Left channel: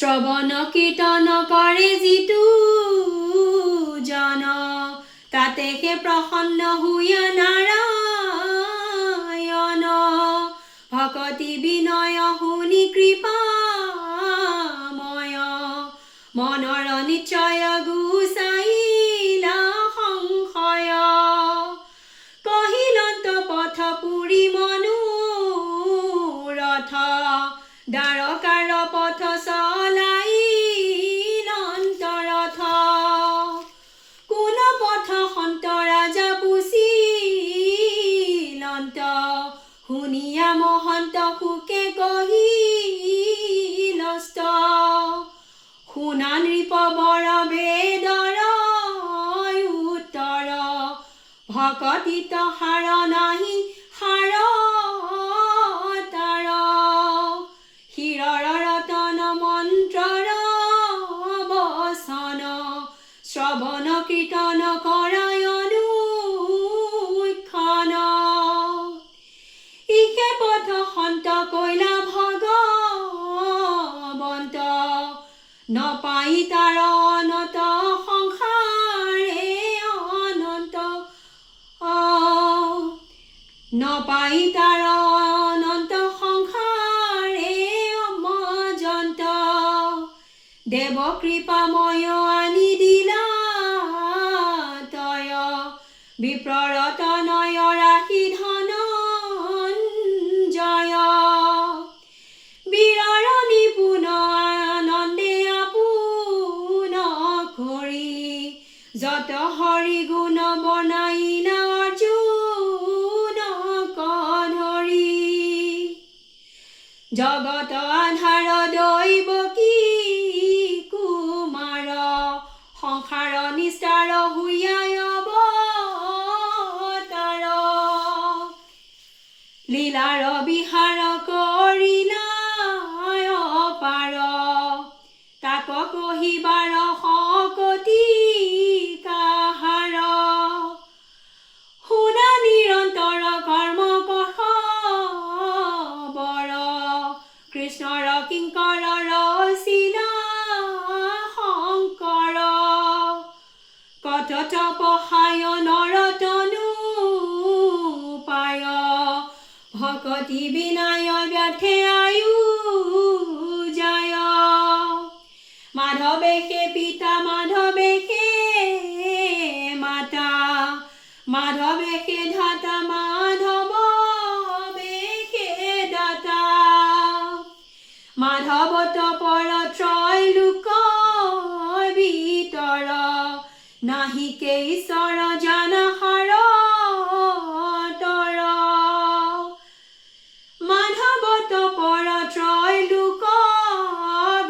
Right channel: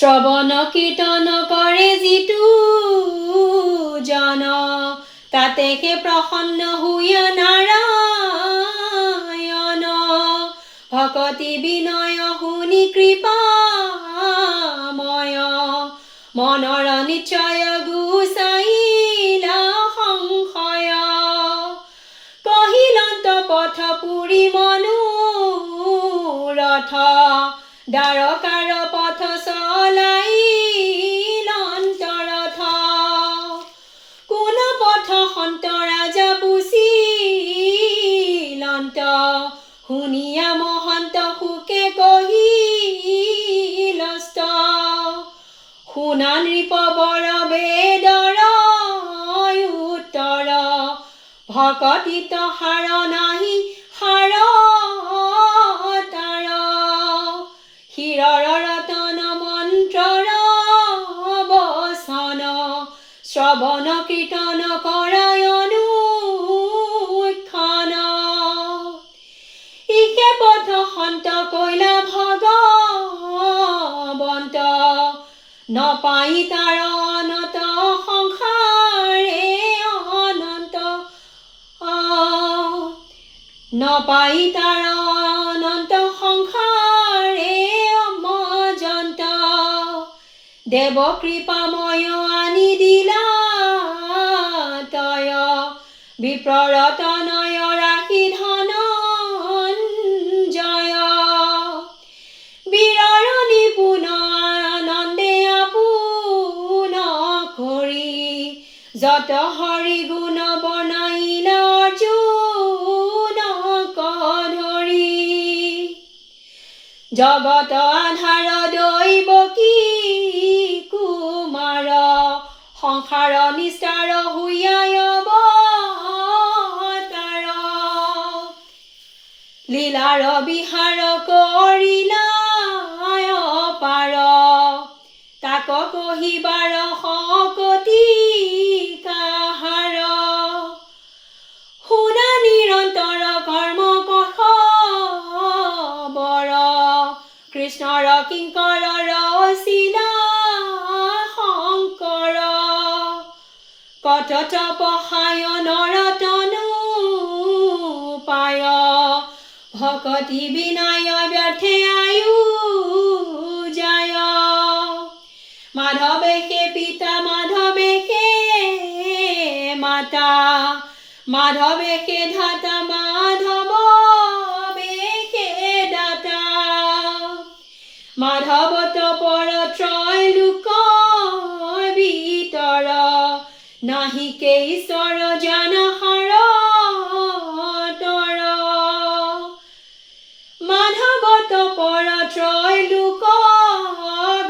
শ্ৰৱণ কীৰ্তন কৰে যিটো জন তাতে হে প্ৰসন্ন হৈয়া নাৰায়ণ ভকতি বিনয় শুনি কৃপাময় মনৰ নিশ্চয় গুচাইলা সংশয় কহিলন্ত পথ পুৰি মনোৰথ দ্বাৰকাৰ পথ চলাইলন্তৰথ কোন পথ সন্ত ৰাজা পুছিলন্ত শুনিয়া মহন্ত সুকে কহিলস্ত শুনা নৃপ বৰ বেদৰ উত্তৰ ভকতিত হাৰ নাহি হাৰ তাৰ শিৰৰ ৰতন মন্ত্ৰৰ বচন শ্ৰৱণ কীৰ্তন কৰায়নো ক্ষণ ইকে পথ সন্ত কৈলা ভগৱন্ত নপাই তাৰ অনত সংসাৰে অনন্ত নপাই তাৰ অনন্ত সংসাৰে অমজন্ত দেৱ কৃপাময় আনি দিলা তয় বিপ্ৰৰতনয় ৰাখি ধনঞ্জয় বীৰৰ নিপুণ আনন্দে আপোন কৰি যত হৰি গুণ বনাইলা অৰ্জুন ধৰি জগত আধাৰ দৈৱকী কুমাৰ সংসাৰ নিস্তাৰ হৈয়াই অৱতাৰ লীলাৰ বিহাৰ কৰিলা অপাৰ তাক কহিবাৰ শকতি কাহাৰ শুনা নিৰন্তৰ কৰ্ম কষবৰ কৃষ্ণৰ কিংকৰ ৰচিলা শংকৰ কত তপসায় নৰতনু পায় ভকতি বিনায় ব্যৰ্থে আয়ু যায় মাধৱে হে পিতা মাধৱে হে মাতা মাধৱে হে ধাতা মাধৱে হে দাতা মাধৱত পৰ ত্ৰয় লোক ভিতৰ নাহিকে ঈশ্বৰ জানহাৰ তৰ মাধৱত পৰ ত্ৰয় লোক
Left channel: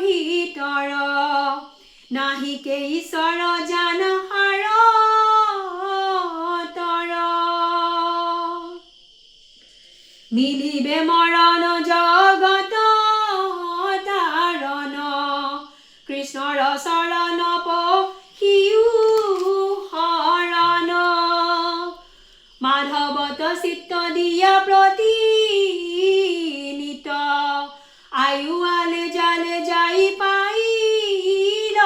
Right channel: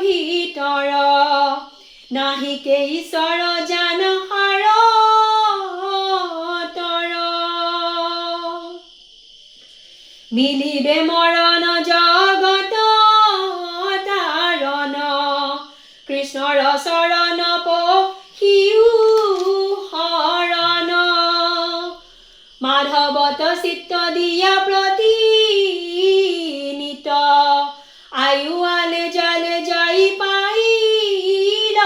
ভিতৰ নাহিকে ঈশ্বৰ জানহাৰ তৰ মিলিবে মৰণ জগত তাৰণ কৃষ্ণৰ চৰণ পহিউ শৰণ মাধৱত চিত্ত দিয়া প্ৰতিনিত আয়ু আলে জালে যাই পাইল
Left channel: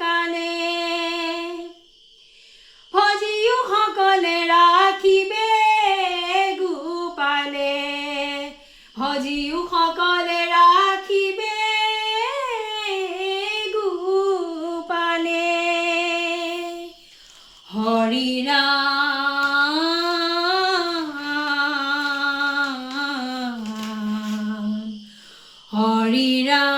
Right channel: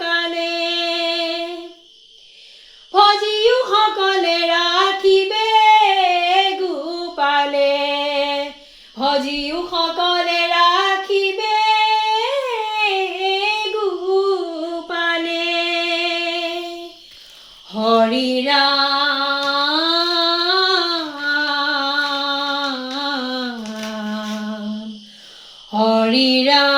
কালে ভজিও সকলে ৰাখিবে গোপালে ভজিও সকলে ৰাখিবে গোপালে হৰি হৰি ৰাম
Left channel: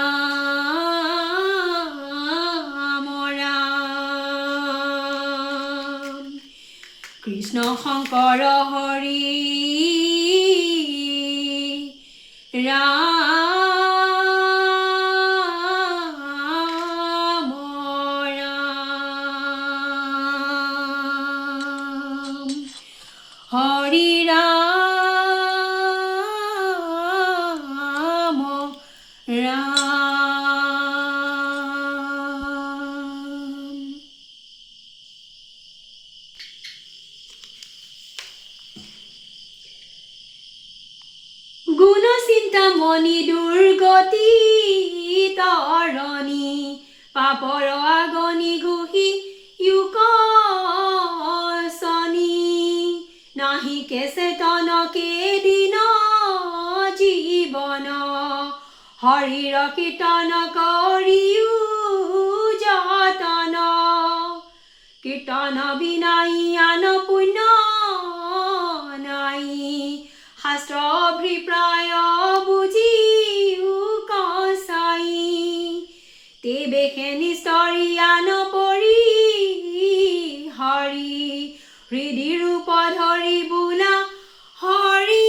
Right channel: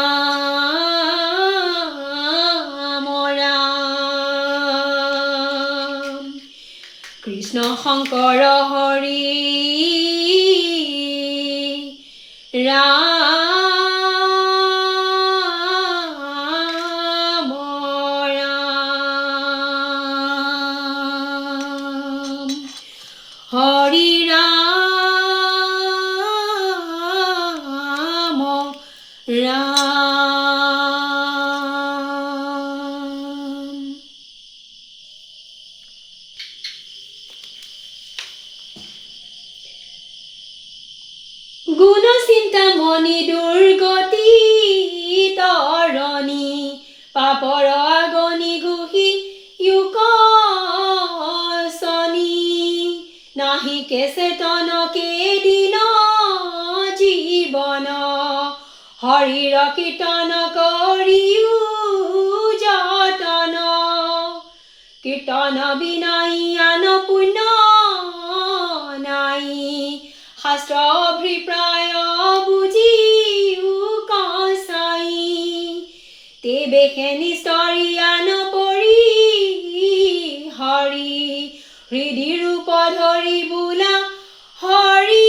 কৃষ্ণ শংকৰ হৰি ৰাম হৰি ৰাম গুণ চিন্তামণি দুৰ্গতি তৰণি পাপৰ আগনি ঘুহি ইউকচনি নাহিকে চেতনকে দিন জীৱন হৰিৰ কীৰ্তন কৰিও যতন কীৰ্তন বিনাই আন পুণ্য নাই শাস্ত্ৰ অভিপ্ৰায় বুজিও কচাই তেবেশে নিস্তৰি আন পৰি হৰি হৃদি ৰূপ ধৰি বোলা হৰি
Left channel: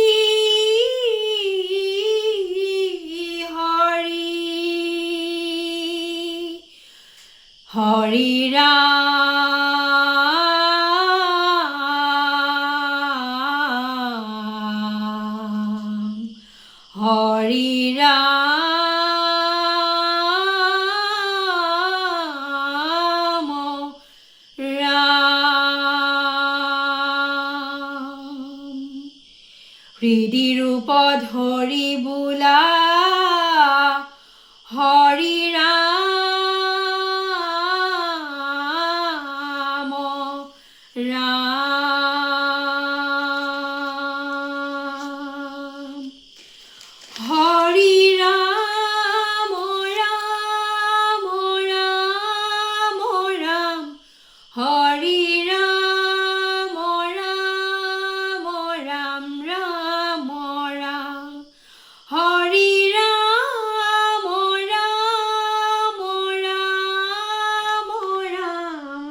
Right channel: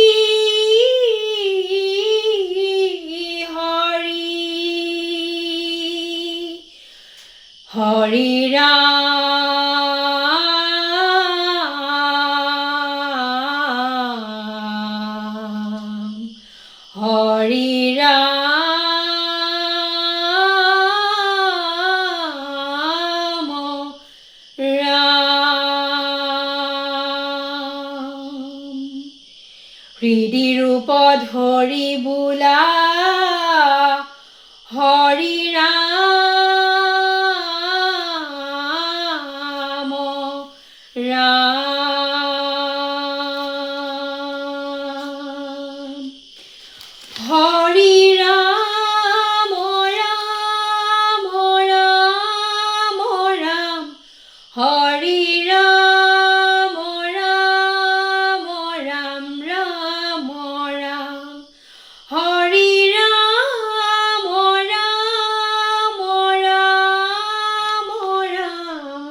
হৰি ৰাম হৰি ৰাম হৃদি ৰূপ ধৰি বোলা হৰি ৰাম হৰি ৰাম ৰাম ৰাম ৰাম হৰি ৰাম ৰাম ৰাম ৰাম ৰাম হৰি ৰাম ৰাম ৰাম ৰাম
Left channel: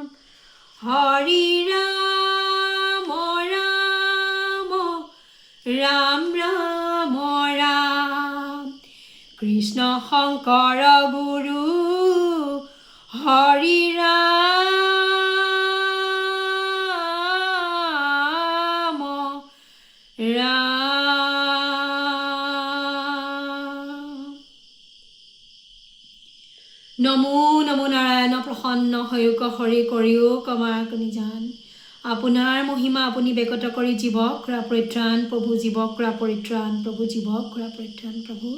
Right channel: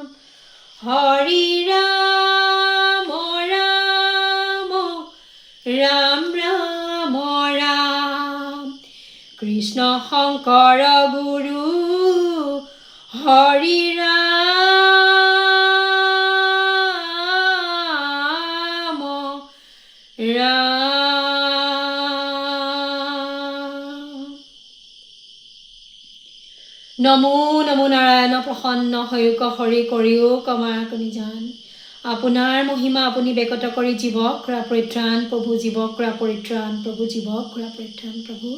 হৰি ৰাম ৰাম ৰাম ৰাম ৰাম কৃষ্ণ শংকৰ গুৰু হৰি ৰাম ৰাম নমো নমো নাৰায়ণ প্ৰসন্ন হয়ুক হৰি কৰিও কমাৰ কণি জান আপোনাৰ মহিমা আপুনি বেকত কৰি জীৱক কৰা পৰিত্ৰাণ প্ৰভু জীৱক কৰা পৰিত্ৰাণ প্ৰভু জীৱক কৰা পৰিত্ৰাণ প্ৰভু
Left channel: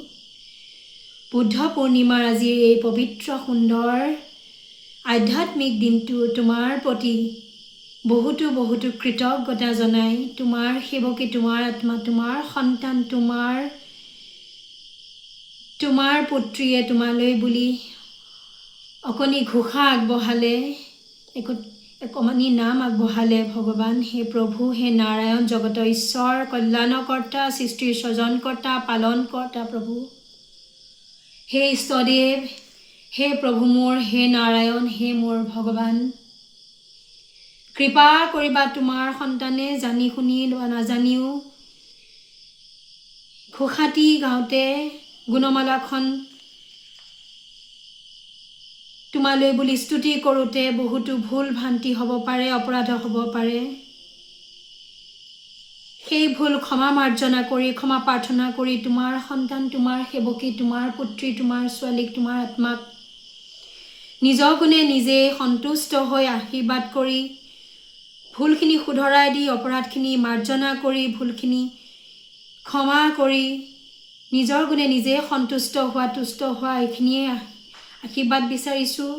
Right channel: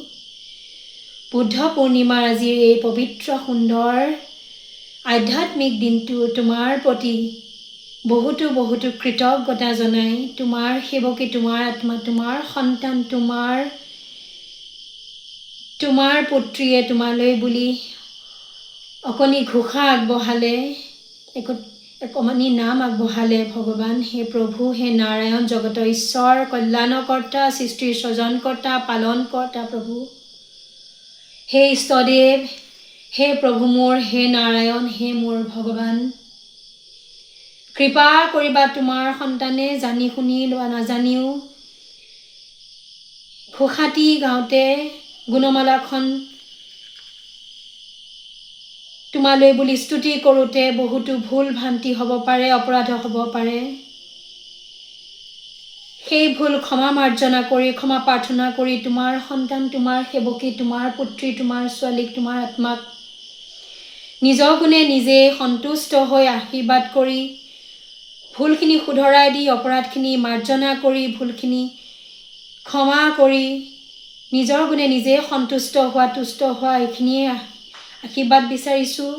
বুদ্ধ পূৰ্ণিমাৰ আজিৰ এই পবিত্ৰ সুন্দৰ আধ্যাত্মিক দিনটো তোমাৰ প্ৰতি বহুতো বহুতো কৃতজ্ঞতা জনাই তোমাৰ সেৱকে তোমাৰ আত্মা তোমাৰ সন্তান তোমাৰ পুত্ৰীয়ে তোমালৈ বুলি অকণি ঘোষা আগবঢ়ালে অকণি নাম আগবঢ়ালে ভগৱান হে প্ৰভু হে নাৰায়ণ জগতৰ ঈশ্বৰ কল্যাণকৰ্তা সৃষ্টিৰ স্বজনকৰ্তা পালনকৰ্তা প্ৰভু হে ইষ্টদেৱ হে প্ৰভু মোৰ হে নাৰায়ণ হে মোৰ ভগৱান কৃপা কৰিবা তোমাৰ সন্তানে জানি শুনি বা নাজানিও ঘোষাটি গাওঁতে গুণমালাখন তোমালৈ বুলি স্তুতি কৰোঁতে বহুতো ভুল ভ্ৰান্তি হ'ব পাৰে অপৰাধ হ'ব পাৰে সেই ভুল ক্ষমা মাৰ্জনা কৰি ক্ষমা প্ৰাৰ্থনা কৰি তোমাৰ সন্তান তোমাৰ সেৱকী তোমাৰ পুত্ৰী তোমাৰ ছোৱালীক তোমাৰ আত্মাক নিজৰ গুণে নিজে সন্তুষ্ট হৈ আশীৰ্বাদ কৰি ভুলখিনি শুধৰাই দি অপৰাধখিনি মাৰ্জনা কৰি ভুলখিনি ক্ষমা কৰি নিজৰ গুণে নিজে সন্তুষ্ট হোৱা তুষ্ট হোৱা এইখিনিয়ে আশীৰ্বাদ বিচাৰিছোঁ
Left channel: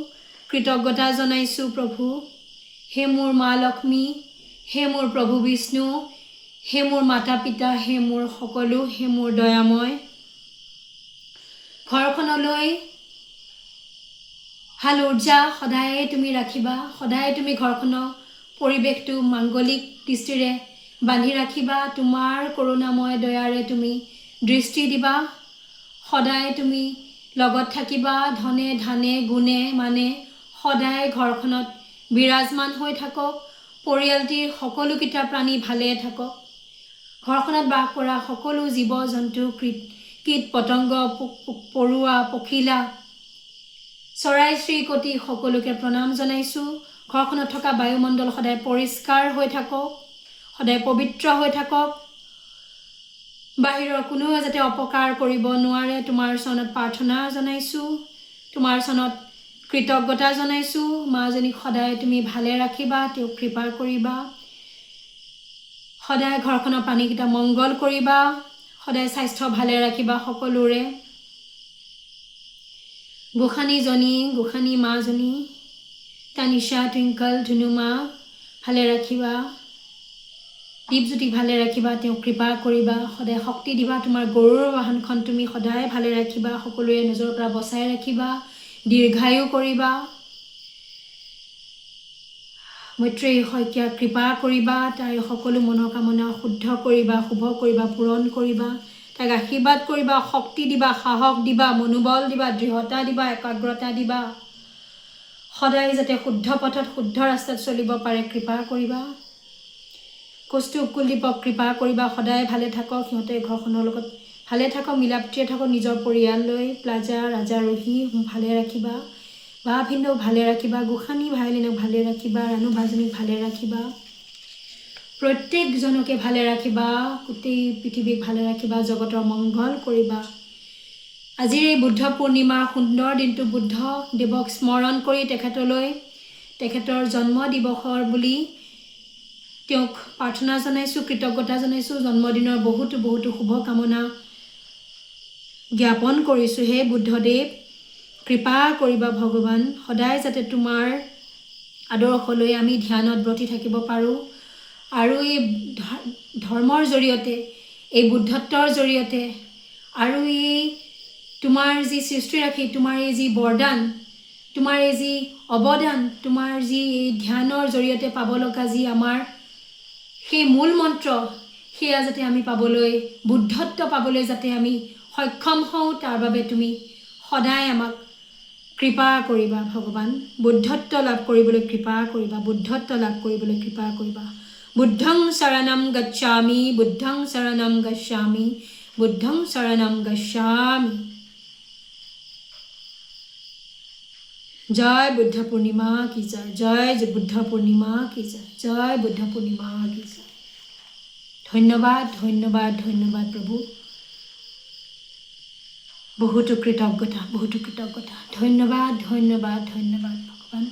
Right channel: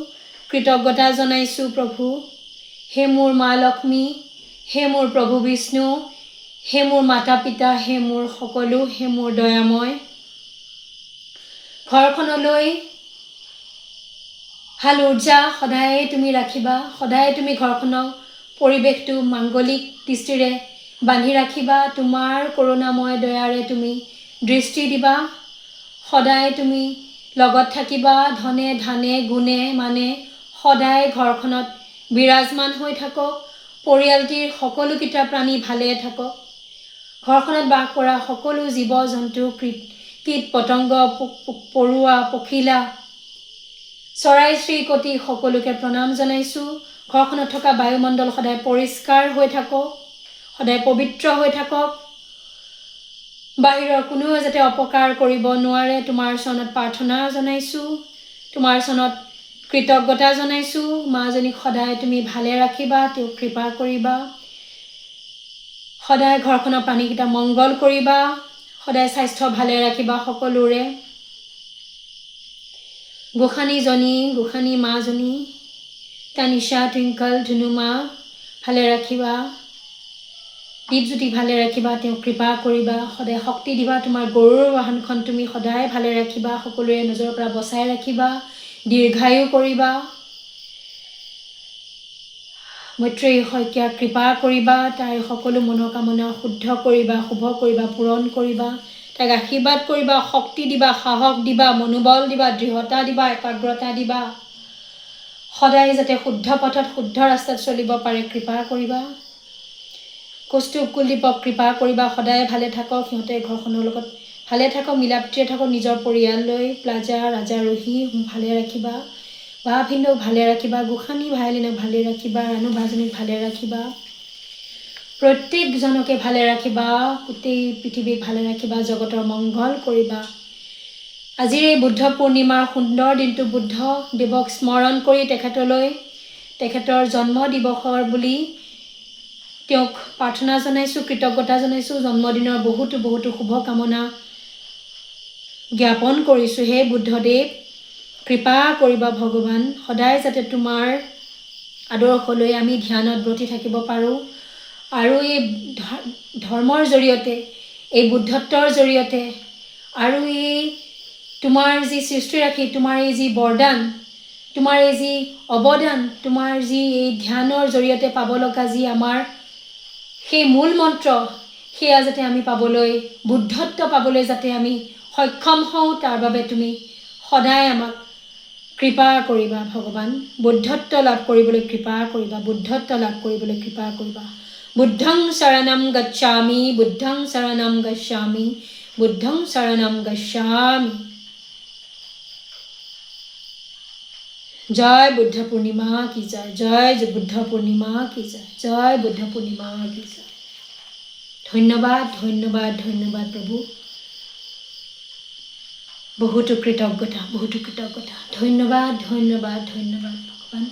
কৃতজ্ঞতা জনাইছোঁ প্ৰভু হে মোৰ মা লক্ষ্মী হে মোৰ প্ৰভু বিষ্ণু হে মোৰ মাতা পিতা হে মোৰ সকলো হে মোৰ দয়াময় ঘৰখনলৈ ভাল উৰ্জা সদায় তুমি ৰাখিবা সদায় তুমি ঘৰখনক পৰিৱেশটো মাংগলিক দৃষ্টিৰে বান্ধি ৰাখিবা তোমাৰ কৰোণাময় দয়াৰে তুমি দৃষ্টি দিবা সদায় তুমি লগত থাকিবা ধনে ধানে গুণে মানে সদায় ঘৰখনত বিৰাজমান হৈ থাকক পৰিয়ালটিৰ সকলোকেইটা প্ৰাণী ভালে থাকক ঘৰখনত বাস কৰা সকলো জীৱ জন্তু কীট পতংগ পৰুৱা পখিলা চৰাই চিৰিকটি সকলোকে প্ৰণাম জনাইছোঁ ঘৰখনত থকা বায়ুমণ্ডল সদায় পৰিষ্কাৰ হৈ থাকক সদায় পবিত্ৰ হৈ থাকক বাহিৰৰ কোনোৱে যাতে অপকাৰ কৰিব নোৱাৰে তোমাৰ চৰণত প্ৰাৰ্থনা জনাইছোঁ তোমাৰ চৰণত কৃতজ্ঞতা জনাইছোঁ মাজনীক সদায় তুমি ভালে ৰাখিবা তেওঁক কৃপা কৰিবা সদায় ঘৰখনৰ পানীকেইটা মংগল কৰিবা সদায় স্বাস্থ্য ভালে ৰাখিবা সকলোৰে গোসানীজনী গোসানী মাজনী তানিশা টুইংকল ধুনুমা ভালে ৰাখিবা দীপজ্যোতি ভালে ৰাখিবা তেওঁ কৃপা কৰিবা সদায় শক্তি দিবা তোমাৰ গৰুৰ বাহনখন তুমি সদায় ভালে ৰাখিবা সকলোৰে নজৰৰ পৰা বচাই ৰাখিবা দীৰ্ঘায়ু কৰিবা মৈত্ৰেয়ী শইকীয়া কৃপা কৰিবা তাইৰ সকলো মনোকামনা শুদ্ধ কৰিবা শুভ কৰিবা পূৰণ কৰিবা তাইক আশীৰ্বাদ কৰিবা শক্তি দিবা সাহস দিবা মনোবল দিবা দৃঢ়তা দিবা একাগ্ৰতা দিবা সদায় যাতে শুদ্ধ পথত শুদ্ধ ৰাস্তাত চলিব পাৰে কৃপা কৰিবা কৌস্তুভ কুলদীপক কৃপা কৰিবা সদায় ভালে থাকক সিহঁতে ঘৰখনৰ লগত ভালে থাকক মিলাপ্ৰীতিৰে থাকক নিজৰ পৰিয়াল লৈ প্লাজা ৰাজাৰোহী ভালে ৰাখিবা বা ভিন্দক ভালে ৰাখিবা গোসানী ভাইলিনক ভালে ৰাখিবা ৰাণু ভাজনীক ভালে ৰাখিবা প্ৰত্যেকজনকে ভালে ৰাখিবা গোটেই পৃথিৱীক ভালে ৰাখিবা জগতৰ মংগল কৰিবা আজিৰ এই বুদ্ধ পূৰ্ণিমাৰ সুন্দৰ দিনটো বুদ্ধ দেৱক স্মৰণ কৰি তেখেতৰ জন্ম দিৱসৰ বুলি তেওঁক প্ৰাৰ্থনা জনাইছোঁ কৃতজ্ঞতা জনাইছোঁ জন্মদিনৰ বহুতো বহুতো শুভকামনা জ্ঞাপন কৰিছোঁ হে বুদ্ধদেৱ কৃপা কৰিবা ভগৱান সদায় যাতে তোমাৰ আদৰ্শলৈ আমি ধ্যানত ব্ৰতি থাকিব পাৰোঁ আৰু এই ধৰ্মৰ জৰিয়তে এই বুদ্ধত্বৰ জৰিয়তে আৰু এই তোমাৰ যি সৃষ্টিৰাশি তোমাৰ এই যি বৰদান তোমাৰ এই যি অৱদান তোমাৰ যি এই ধ্যানৰ জৰিয়তে পাব লগা যি আমাৰ সেই মূল মন্ত্ৰ সেয়া যাতে আমি পাবলৈ বুদ্ধত্ব পাবলৈ যাতে আমি সক্ষম হওঁ তাৰ বাবে তুমি সদায় আমাক কৃপা কৰিবা ভগৱান বুদ্ধত্ব লাভ কৰিবলৈ কৃপা কৰিবা বুদ্ধত্ব লাভ কৰিবলৈ কৃপা কৰিবা বুদ্ধং শৰণম গচ্ছামি বুদ্ধং শৰণম গচ্ছামি বুদ্ধং শৰণম গচ্ছামি জয় বুদ্ধ পূৰ্ণিমা কি জয় বুদ্ধ পূৰ্ণিমা কি জয় বুদ্ধ পূৰ্ণিমা কি জয় ধন্যবাদ ধন্যবাদ ধন্যবাদ প্ৰভু বহুতো কৃতজ্ঞতা ধন্যবাদ ধন্যবাদ ধন্যবাদ ভগৱান